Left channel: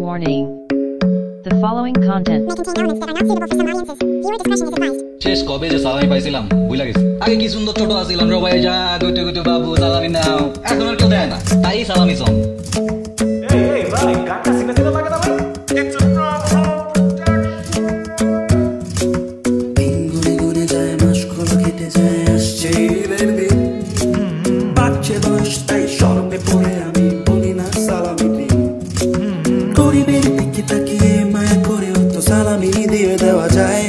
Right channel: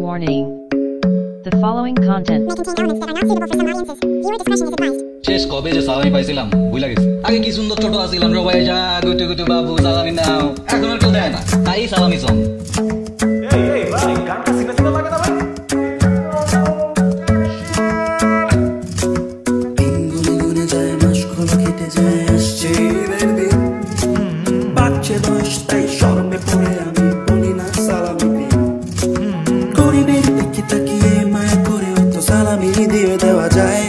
Warning. The following content may contain elements that are not suitable for some audiences. Viewer discretion is advised. শেষ কবে যে সালামি পাইছিলাম ভুলে গেছি। আগে কি সুন্দর ছোট আছিলাম রে ভাই, যা গুটু গুটু বাবু সালামি নাও, এখন আর দেয় না, তাই সালামি সং। এই ভাই, গানটা সিনে সিনে লাগে না ভাই। দিন গুনে গুনে যায়, মাসগুলো কেটে যায়, আসছে ঈদের দিন। বাড়ছে বয়স, তাই শরমে পড়ে আমি বলি না সালামি দিন। গরিবের দিকে তাকিয়ে মায়া করেও তো সালামি দিয়ে দেওয়া যায়।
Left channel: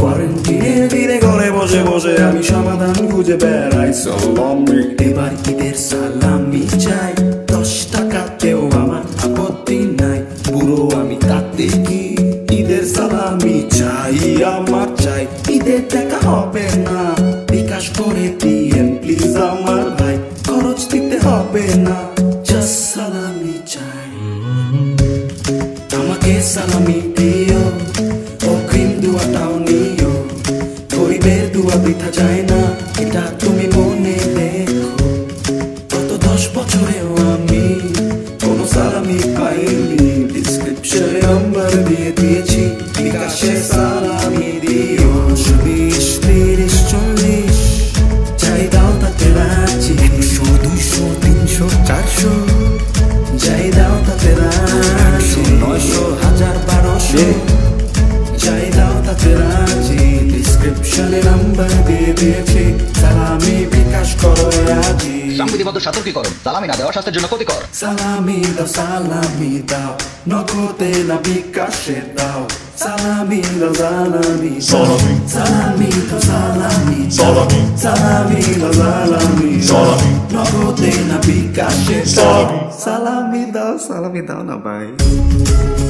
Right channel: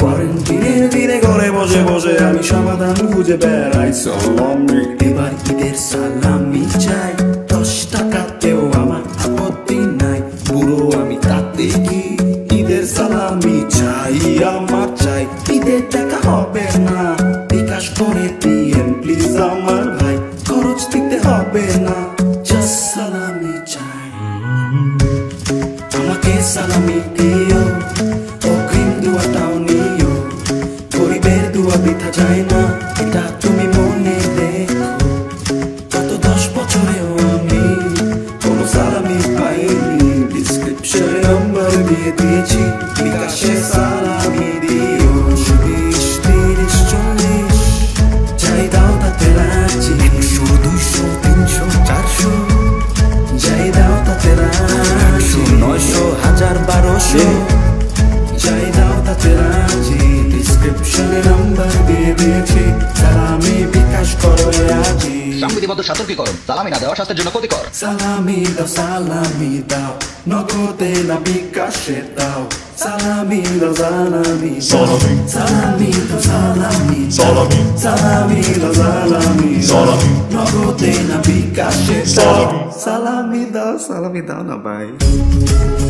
কোয়ারেন্টিনে ধীরে ঘরে বসে বসে আমি সমাধান খুঁজে বেড়াই। সালামি এবার ঈদের সালামি চাই, 10 টাকাতেও আমার আপত্তি নাই। বুড়ো আমি তাতে কি, ঈদের সালামি চাই, আমার চাই। ঈদের টাকা হবে না, বিকাশ করে দিয়েন প্লিজ আমার ভাই। খরচ দিতে হবে না, জাস্ট সালামি চাই। আমাকে সালামি দিও, অগ্রিম দুয়াটাও নিও। গরিবের দুয়া বৃথা যায় না, এটা তুমি মনে রেখো। গত 10 বছরেও আমি কোনো সালামি পাইনি। ডিসক্রিপশনে নাম্বার দিয়ে দিয়েছি, বিকাশে সালামি দিও। 20, 30, 40 যাই দাও তাতে রাজি। 100, 200, 300, 400 যাই দাও তাতে রাজি। 900, 1000, 1200 যাই দাও তাতে রাজি। ডিসক্রিপশনে নাম্বার দিয়ে দিয়েছি, সালামি বিকাশ করো আজি। সালামি দাও, সালামি দাও, নগদে না বিকাশে দাও। সালামি দাও, সালামি দাও, সালামি দাও, সালামি দাও, সালামি দাও, সালামি দাও, নগদে না বিকাশে দাও। সালামি দাও না ভাই।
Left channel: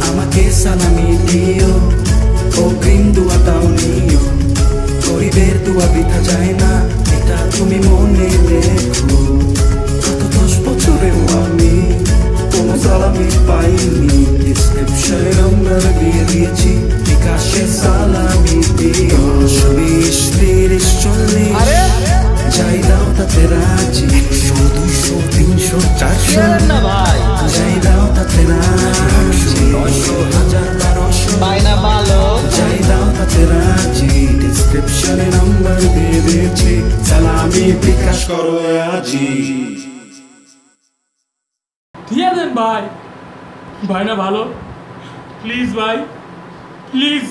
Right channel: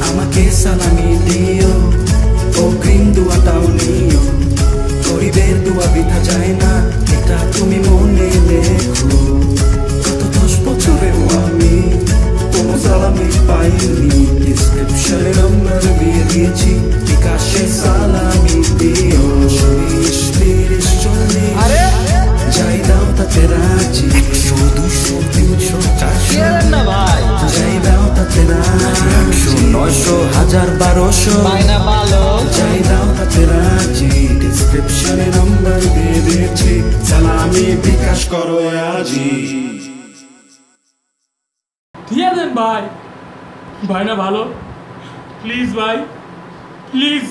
আমাকে সালামি দিও, অগ্রিম দুয়াটাও নিও। গরিবের দুয়া বৃথা যায় না, এটা তুমি মনে রেখো। গত 10 বছরেও আমি কোনো সালামি পাইনি। ডিসক্রিপশনে নাম্বার দিয়ে দিয়েছি, বিকাশে সালামি দিও। 20, 30, 40 যাই দাও তাতে রাজি। 100, 200, 300, 400 যাই দাও তাতে রাজি। 900, 1000, 1200 যাই দাও তাতে রাজি। ডিসক্রিপশনে নাম্বার দিয়ে দিয়েছি, সালামি বিকাশ করো আজি। দিয়ে দেন ভাই, ভাই না ভালো, প্লিজ ভাই, প্লিজ।